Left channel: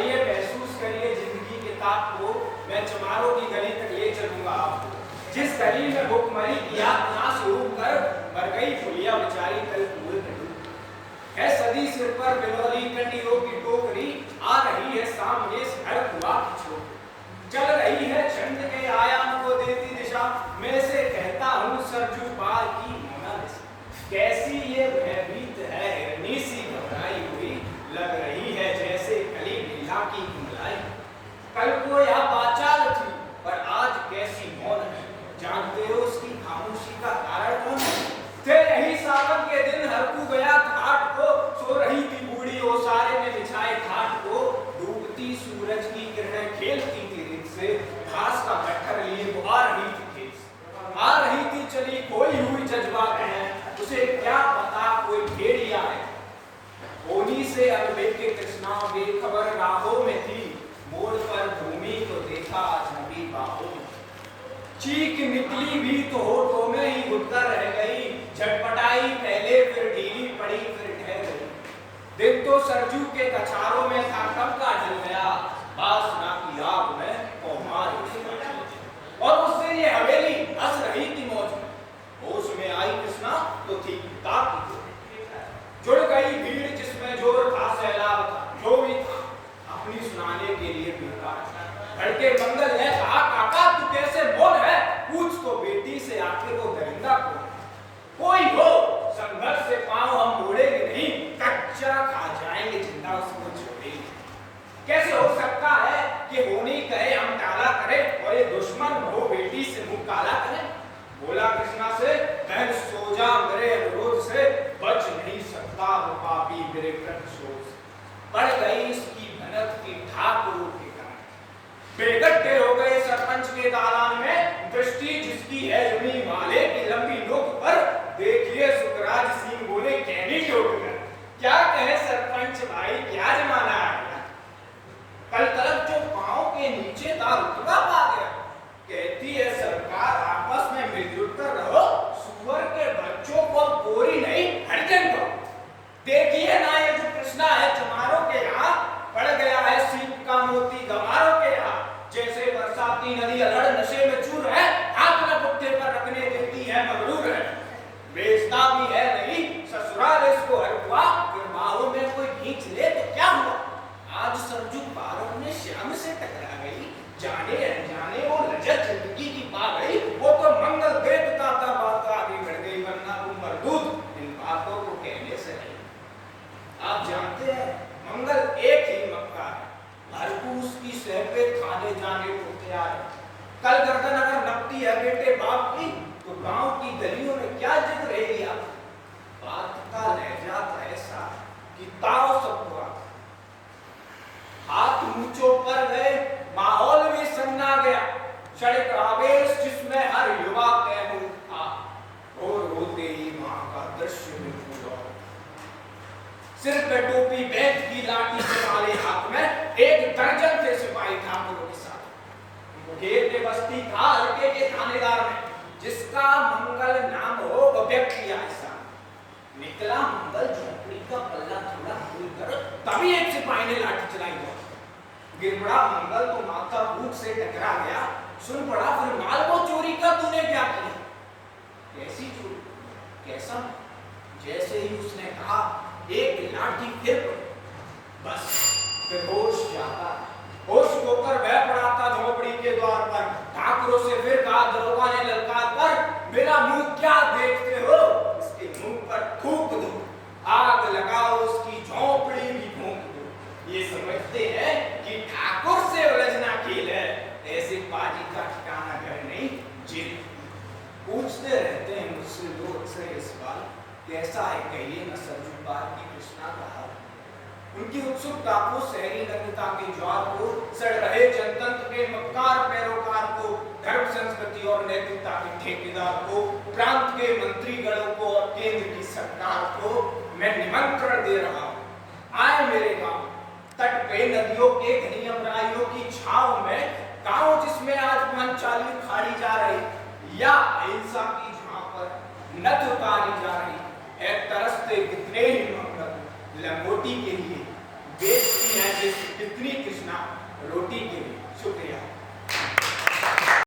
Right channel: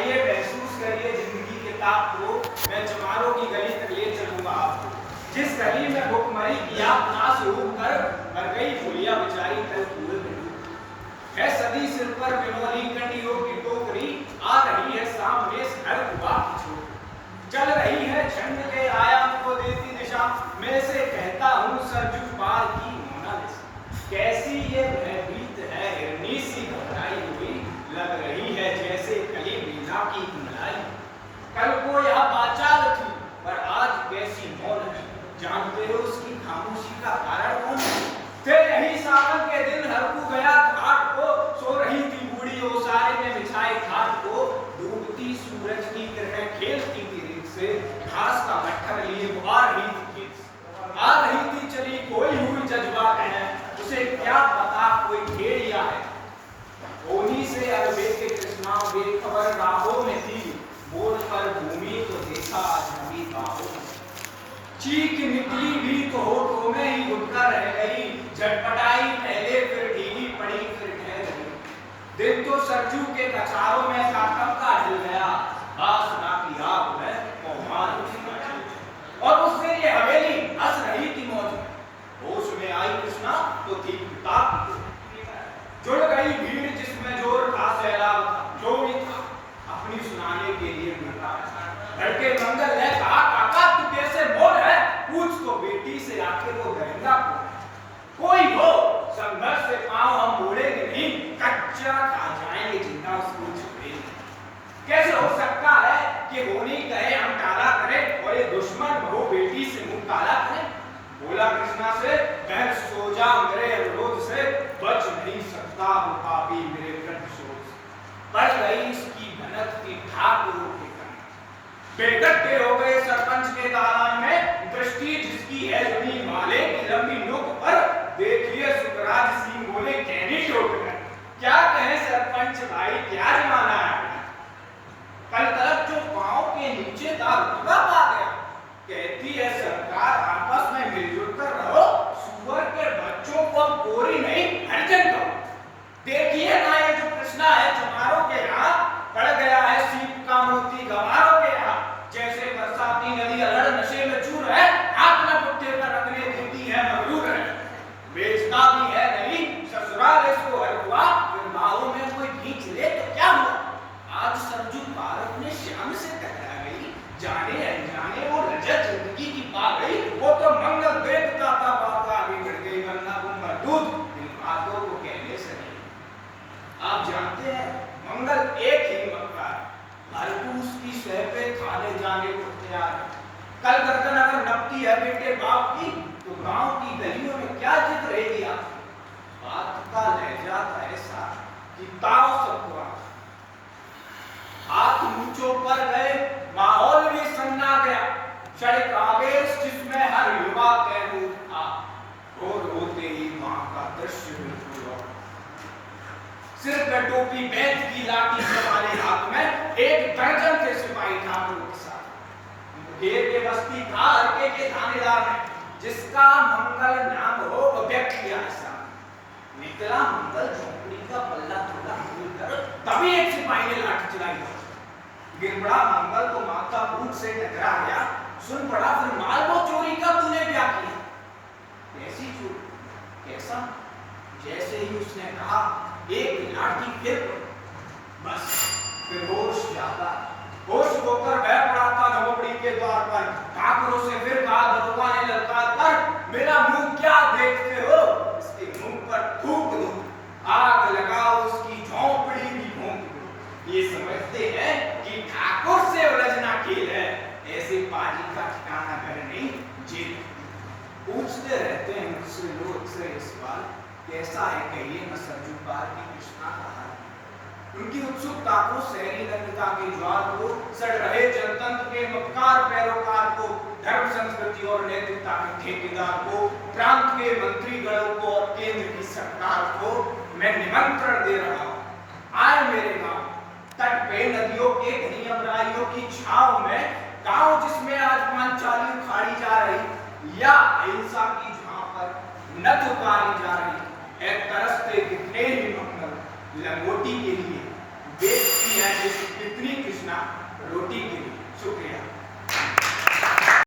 आइए महसूस करिए जिंदगी के ताप को, मैं चमारों की गली तक ले चलूंगा आपको। जिस गली में भुखमरी की यातना से उठकर मर गई फुलिया बेचारी कल कुएं में है सदी सिर पर बिनौली कंडियों की टोकरी, आ रही है सामने हर कुआ की छोकरी, चल रही है छंद के आयाम को देती दिशा, मैं से कहता हूँ सरजू पार की मोनालिसा। कैसी ये भयभीत है हिरनी सी घबराई हुई, लग रही है जैसे कली लीला की कुमलाई। कल को यह बाचाल थी पर आज कैसी मौन है, जानते हो उसकी खामोशी का कारण कौन है? थे यही सावन के दिन हरकू गया घाट को, सो रही थी बूढ़ी ओसारे में बिछाए घाट को, डूबती सूरज की किरणें खेलती थी रित से, घास का गट्ठर लिए वो आ रही थी खेत से। आ रही थी चली कोई हुई जज्बा है, उसे क्या पता कोई भेड़िया है। ओनी से अरबे के कृष्णा बेखबर राहों में थी, मोड़ पर भूमि तो देखा अजनबी बाहों में। चीख निकली भी तो होठों में ही घुटकर रह गई, झटपटाई पहले फिर ढीली पड़ी फिर ठहर गई। दिन तो सरजू के कछारों में था कब का ढल गया, बासना की आग में कौमार उठी और उस दिन ये हवेली हंस रही थी मौज में। होश में आई कृष्णा तो थी किताब की, जुड़ गई भीड़ जिसमें जोर था सैलाब था, जो भी था अपनी सुनाने के लिए बेटा लड़के मंगल ने कहा काका तू कैसे बोल है, पूछ तो बेटी से आखिर वो दरिंदा कोई हो, संघर्ष से पांव हम मोड़ेंगे नहीं, कच्चा खा जाएंगे जिंदा उसको छोड़ेंगे। कैसे हो सकता है कि होनी कहे हम टाला करें और ये दुश्मन बहू बेटी से मुंह काला करे। बोला कृष्णा से बहन सो जा मेरे अनुरोध से, बच नहीं सकता वो पापी मेरे कंठशोर। बढ़ गई इसकी भनक की ठाकुरों के बेगट्टे हो गए सरपंच के दालान में, दृष्टि जिसकी है जमीन वाले की लंबी नोक पर, देखिए सुखराज सिंह बोले कहनी ठोक गए। क्या कहे सरपंच भाई क्या जमाना है, कल तरफ जो पांव के नीचे था रुतबा पा गया। कहती है सरकार आपस में मिलजुल कर रहो, सुअर के बच्चों को कोरी नहीं हरिजन करो। देखिए ना ये जो कृष्णा है चमारों के यहाँ पड़ गया है सीप का मोती गंवारों के यहाँ, जैसे बरसाती नदी अलड़ नशे में चूर है, हाथ न पुट्ठे पर रखने देती है मगरूर है। बेचता भी है नहीं ससुराल इसको हर हुआ, फिर बाहों में कोई खींच ले तो क्या हुआ। आज सरजू पार्क में श्याम से टकरा गई, जाने अनजाने वो लज्जत जिंदगी की पा गई। वो तो मंगल देखता था बात आगे बढ़ गई, वरना वो मरदूत इन बातों को कहने से नहीं। आप जानते हैं मंगल एक ही मक्कार, हरकू उसकी सह पे थाने जाने को तैयार है। कल गर्दन अगर नपती है बेटे बाप की, तो गांव की गलियों में क्या जिद रहेगी आप। बात का लहजा था ऐसा कि तारों सबको हाथ ऊंचों पर गए, माहौल भी सन्ना गया। सड़क आवेश जिसमें हर युवा कहूं था, और रोते ही मां का दृश्य बिल्कुल सिर पे टोपी बैठ की लाठी से वाले हाथ में, एक दर्जन के सिपाही ठाकुरों के साथ घेर के बस्ती था हरके के थानेदार ने, जिसका मंगल नाम हो वो व्यक्ति ऐसा निकला। मंगल झोंपड़ी का पल्ला थोड़ा भूल कर तभी एक सिपाही ने लाठी चलाई। गिरबड़ा मंगल तो माथा भूख से टकरा गया, सुन पड़ा फिर माल को चोरी का तूने क्या किया। कैसी चोरी कैसा, जैसे ही उसने कहा एक लाठी फिर बस फिर होश जाता है। होश होकर वह पड़ा था झोपड़ी के द्वार पर, ठाकुरों से फिर कहा दरोगा ने ललकार कर, मेरा मुंह क्या देखते हो, इसके मुंह पर थूक दो, आग लगाओ उसकी झोपड़ी भी फूंक दो। ये समझते हैं कि ठाकुर से उलझना खेल है, ऐसे पाजी का ठिकाना घर नहीं जेल। पूछते रहते हैं मुझसे लोग अक्सर इस बार, कैसा है कहिए न सरजू पार की कृष्णा का हाल। उनकी उत्सुकता को शहरी लग्नता के ज्वार को, सड़ रहे जनतंत्र के मक्कार पैरोकार को, धर्म संस्कृति और नैतिकता के ठेकेदार को, प्रांत के मंत्रीगणों को और केंद्र की सरकार को मैं निमंत्रण दे रहा हूँ, आए मेरे गांव तट पे नदियों के घनी अमराइयों की छांव में, गांव जिसमें आज पांचाली उखाड़ी जा रही या अहिंसा की झांव पर नथ उतारी जा रही है। तरसते कितने ही मंगल लंगोटी के लिए, वेद की है जिस कितनी कृष्णा रोटी के लिए।